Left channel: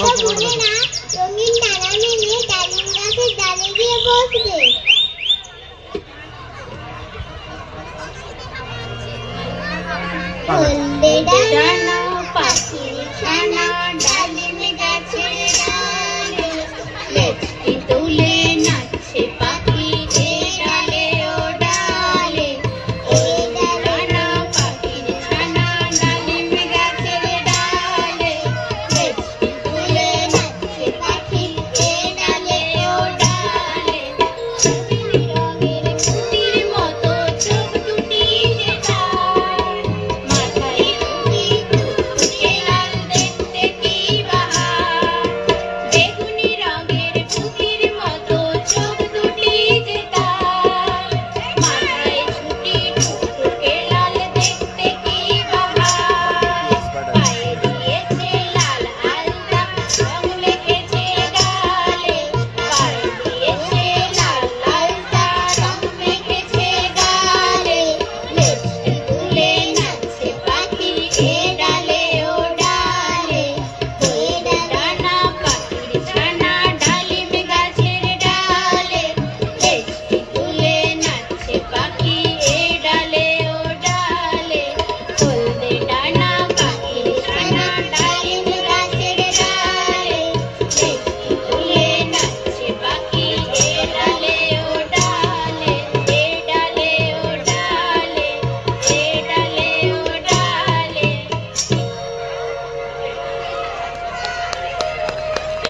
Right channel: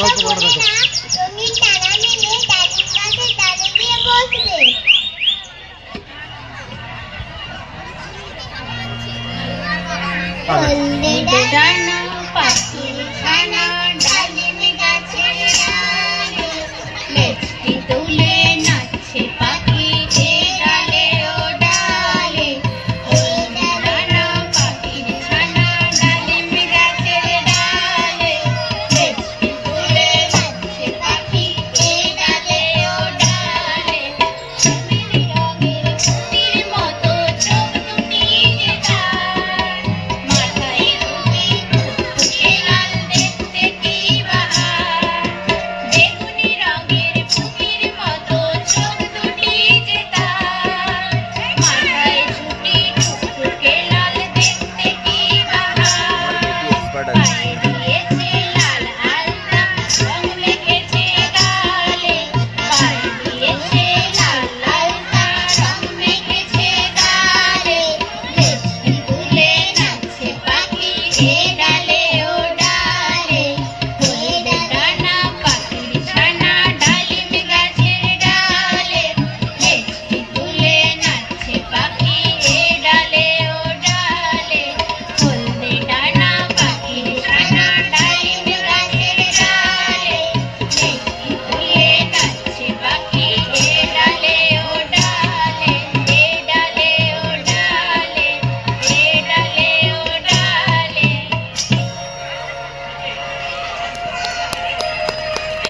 গল্প করে দেখো। রঙিন ডানা মেলে ডালিম গাছের ডালে গিয়ে বসবে। হলদে ডানা পাখির ছানা ডালিম গাছের ডালে লেজটি তুলে